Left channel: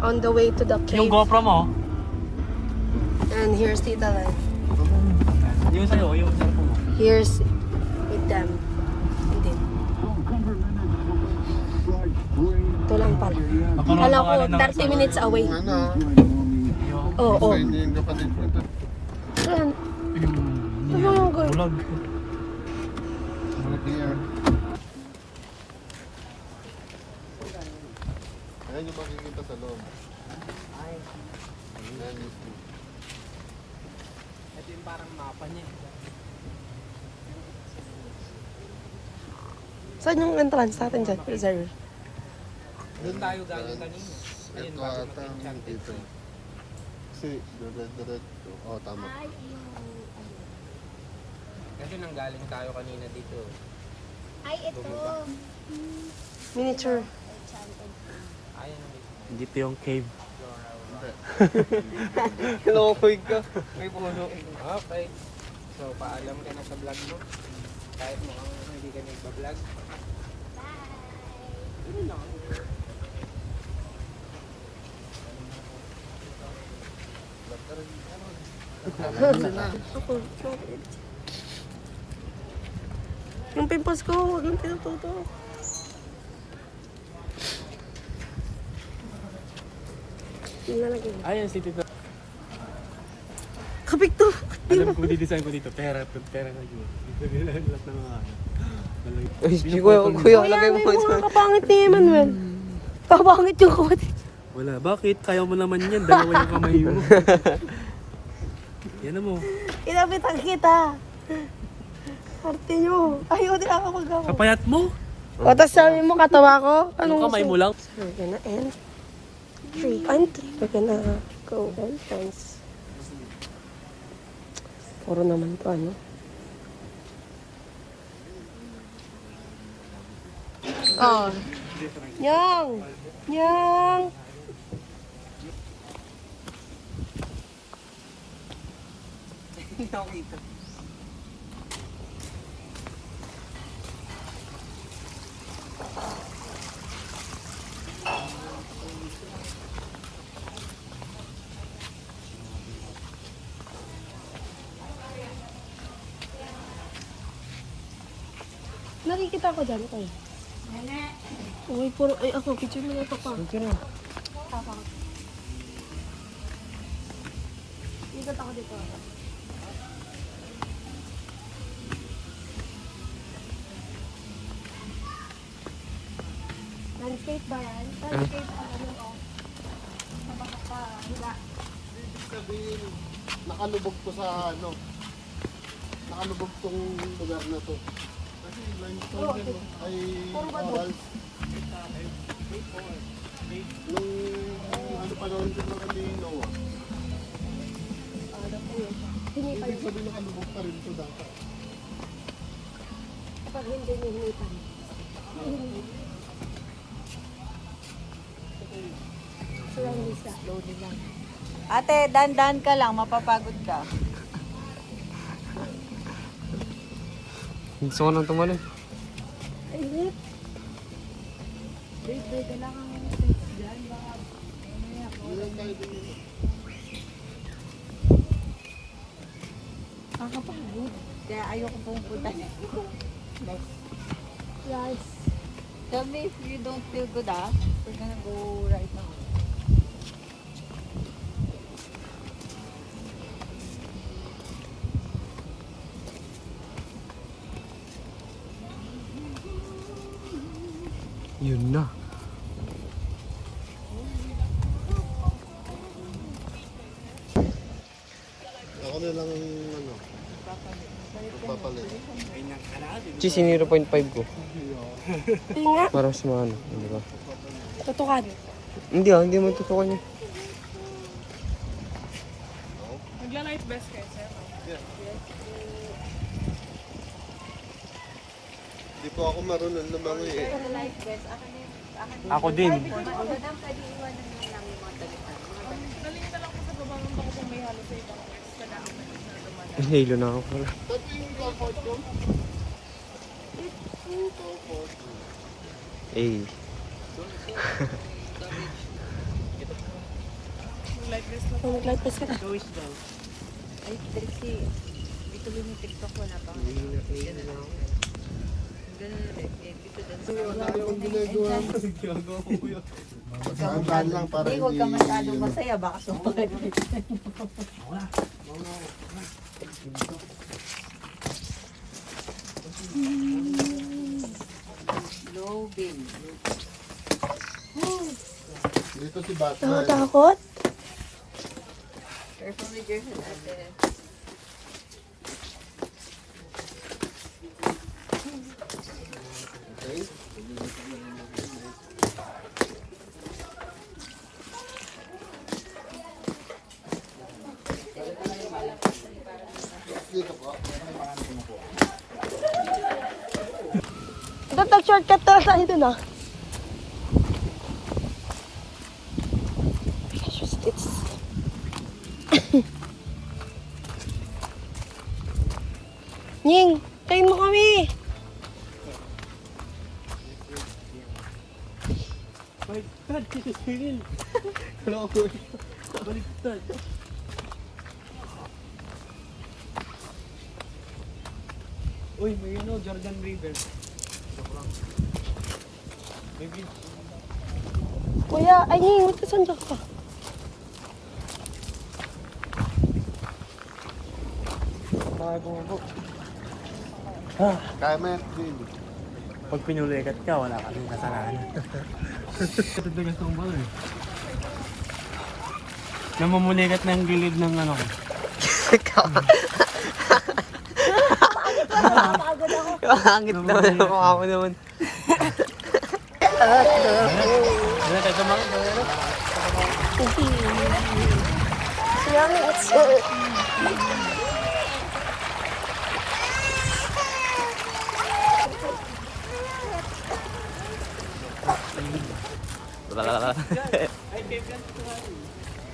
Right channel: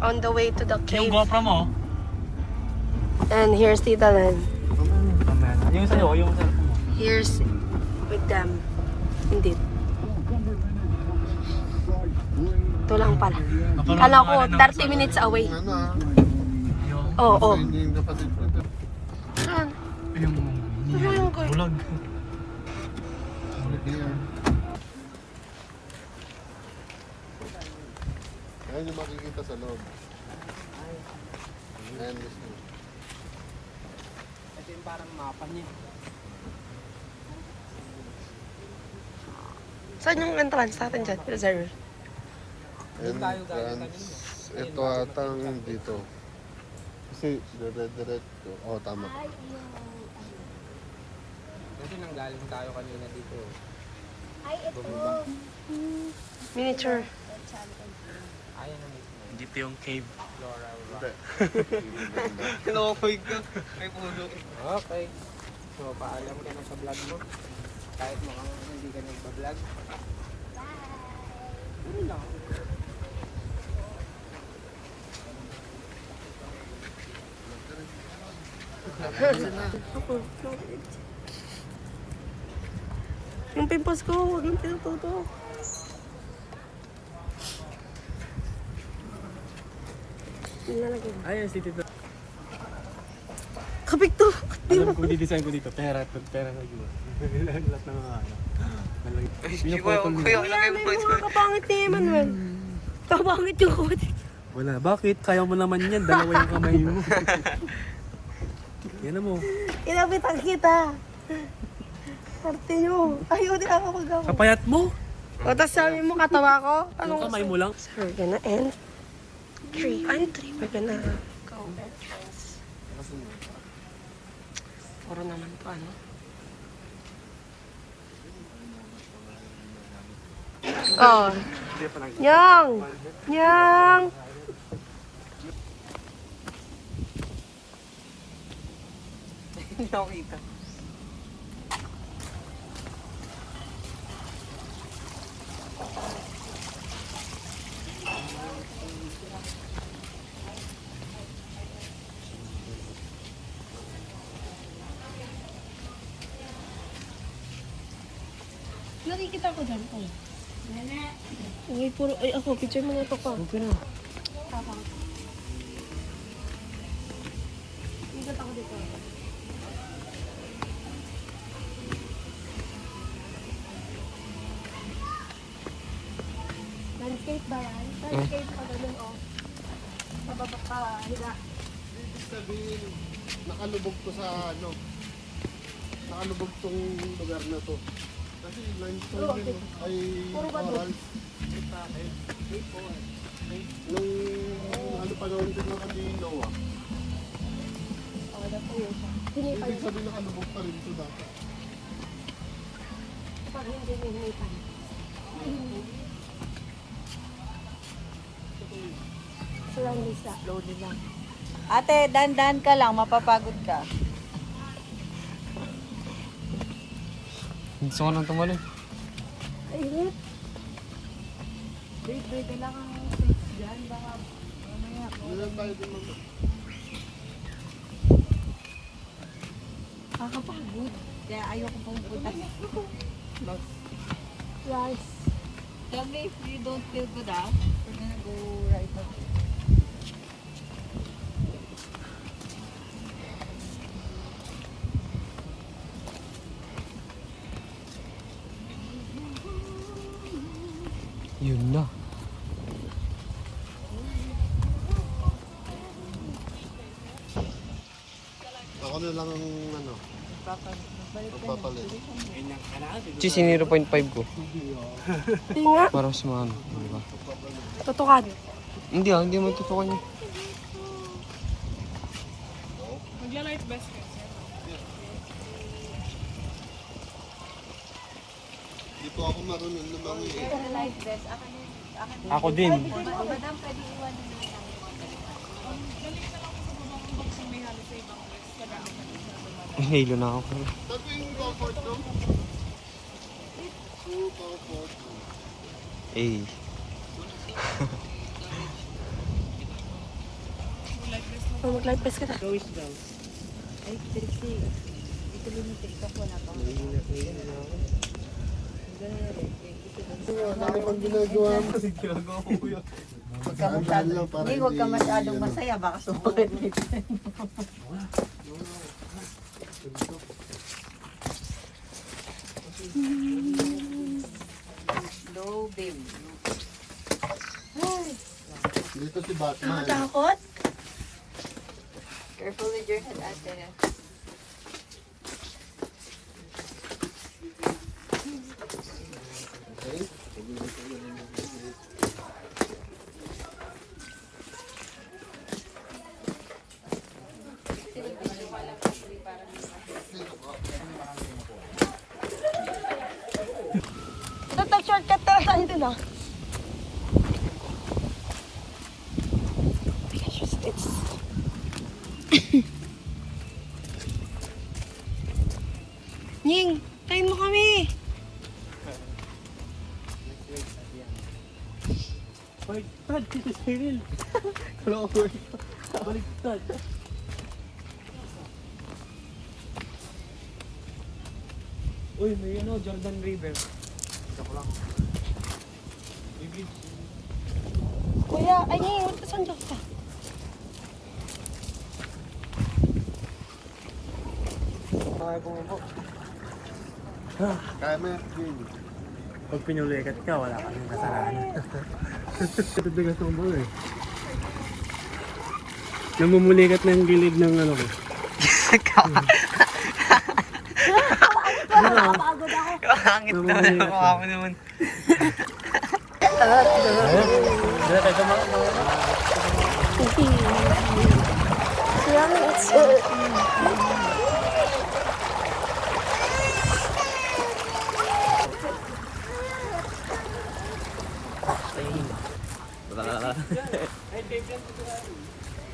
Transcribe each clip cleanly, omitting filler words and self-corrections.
on the way to the Yung cave. GoPro mo? And here's Tita Len. Yung sa'yo, yung cellphone mo. Here's with them. Indeed. Ito lang pala. Kala ko 30 minutes away. Oo. Oh, Hindi yung kapatid ko. Saan? Saan yung guy? Vlog. Here. Ayun yung makikita sa loob. Ito yung parang mapa niya. Saan yung entrance natin dyan? Reserve. Doon tayo galing kanina. Ito ata ang dito. Kasi, diretso. Oo, tama. Kasi nanggaling tayo kanina dito. Ay, ito. Miniature. Dito yung cave. Hindi. Lokoy ka. May puno. Okay. So, paalam ka na sa vlog mo. Kahit mukhang hindi ka nagpa-vlog. Ako. Yung pimples ko, huwag yung pinututo. Nalagay mo. Ayan si Tito. Kapik to. Alam ko di-design ko dito. Pera na yun. Lahat ng mga ano. Kuya, lagay mo pa ito. Kapangit ni Emmanuel. Kapangit yung kapatid. Wala. Bakit? Kaya mo naman yan. Dalawa yung kamay mo. Yan na mo. Inabitan kita. Parte nyo. Ayaw din ako magawa. Kapayat mo? O, tapos sabi mo katawa ko. Yung kamay mo lang. So we're gonna end. We're gonna go entrance. Puro naman to ano. Oh. Yang! Yang! Hindi ako kita. Nakikita ko dyan. Uy, puro, ay ako, picture mo na ito pa. Okay na. Ikot ako dito. Landscape ba yan? Landscape pa ganun, oh. Sa baba pa, higa. Ibig sabihin, nakalubog to sa ano. Nakalubog tong lugar na to. Kasi limestone Oo, din, no? Ay puro ba doon? coral. Nung ano pa noon din yung kami Noah. Ano po yun siya? Hinipan Ibig yun. sabihin nakalubog pa rin to dati. Kapag hindi niya hinipan. Surrounding sa slowly lang. Ate, dandan ka lang, mapapagod ka. Gusto ko nang tumali. Ay, init. Babe, kailangan kang face dyan. Baka mamaya ako. Ngayon tayo din naman. Kakapagod. Kaya ayoko pumunta. Rice. Tell me if you don't feel good, we're gonna go right now. Yun na. Ako na lang ang ano. Magpapalit. Cheese in 0.5 ko. Hindi nga. Para sa mga ano. Di ba? Tutukan. Hindi mo tutukan yun. Magla-light best kayo, sir. Di po ako marunong lumangoy eh. Ako din. Hinalo na ako. Dati yung comfort room. Super comfort room. Eh. mag-light dress na. Mag-light pass ka na. Showis daw. Ay, Trixie. Dito lang yung TikTok ko na pa. Nahihina na ako. Ganun na rin. Dito lang. Ano pang ginagawa mo? Ginagawa ko yun. Saan lang para Hindi, hindi... huwag ka masyadong masaya. Baka sumakit. Low beam. Dito si Batman. Nakatakot? Careful with your head, ate. Total shortcut na lang din ah. It's... Nying, kain mo kami. Baliktad, si Cyril. Baliktad. Baliktad. Uy, may ano, Jordan River. Joke lang. Baby. Kuya, ay Nying, pasundok ka. Tama yan, Vin. Pag pinulikat ka, wala kasing kasalanan. Tutugas ng bulo eh. Namumulikat ng gilid ng ano ko. Napakagod ako. Kahangit naman ako ako naman. Let's go. Dala tayo tumakot. Yummy, it's...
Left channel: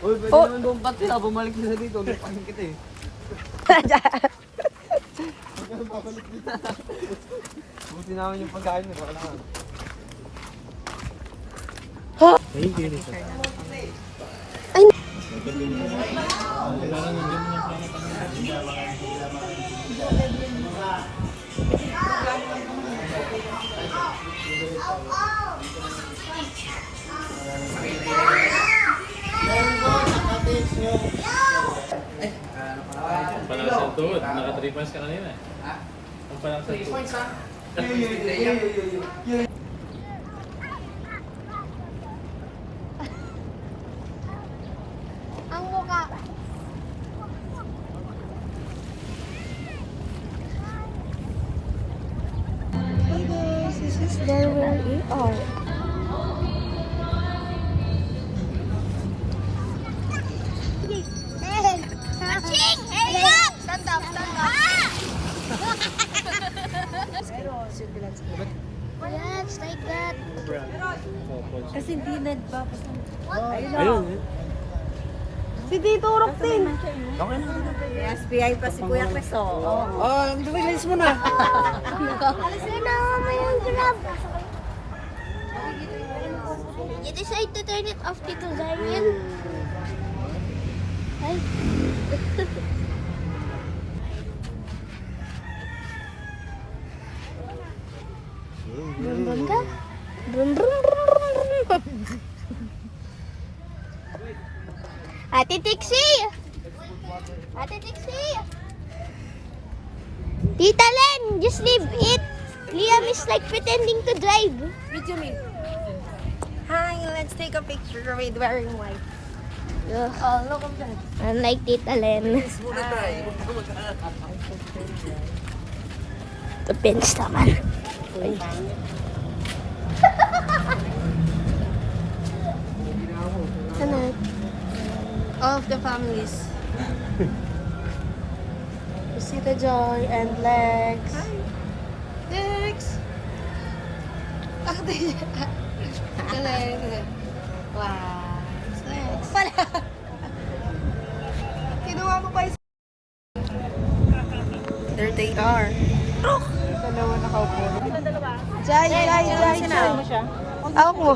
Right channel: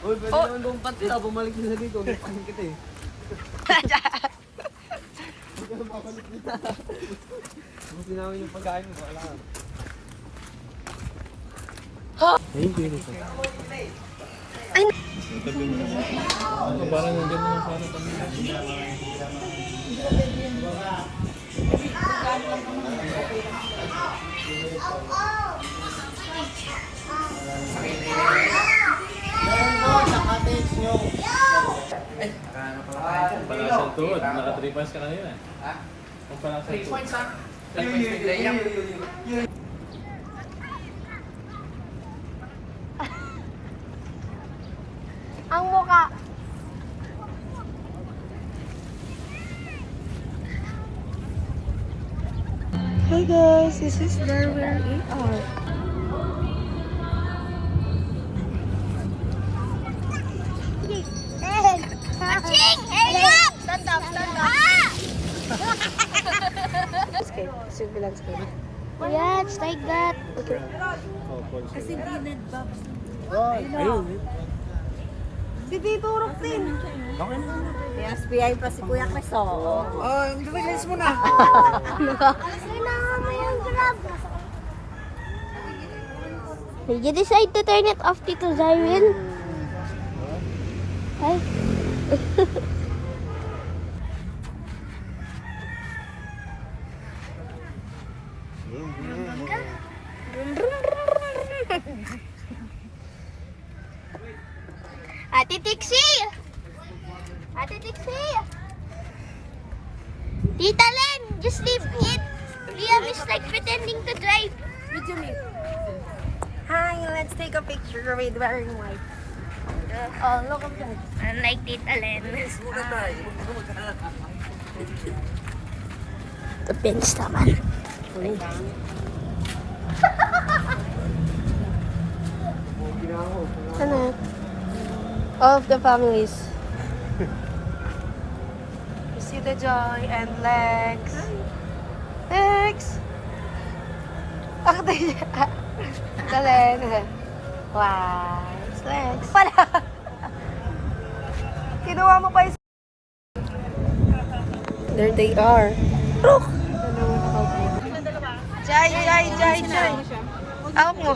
Uy, pwede naman buong pati na. Bumalik na sa dito. Ulipahin kita eh. Buti namin yung pagkain mo. Baka lang. Ayun, kiri sa. Ay! Parang nandiyan na sana kami. Palasang tuhod, naka 3 points ka kanina eh. Ang palasang tuhod. Ang mukha. Hey guys, this is where we are. Hey, up! Stand up, stand up. Yeah, it's like that. Kasi hindi nagbabasa. Ayun eh. Si Tito Roxin. Okay na. May SBI pa si Kuya Chris, oh. Sino mo yung grab? Did you decide to turn it off, Tito Zarwin? Ay. Brum ka? Brum. Ate Tixie! Ate Tixie! Tita Len, just leave it. Liam is like pretending to drive. Video me. Hi, let's take a picture with wearing white. Oh, look at that. Unlike Tita Len. Depends naman. Ano? All of the families. You see the Joy and Lex. Hi. Lex! Ako tayo siya. Dali. Wow. It's Lex. Pala. Kinuha mo pa yung... There they are. Look! Ano naman nakaupo? Jai! Awak mo.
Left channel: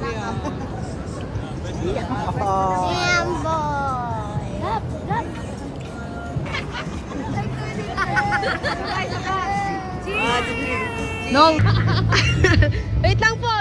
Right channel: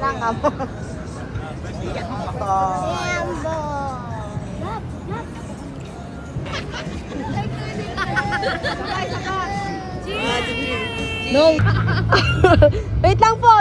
Langam. Damn boy. Lap, lap. No. Wait lang po.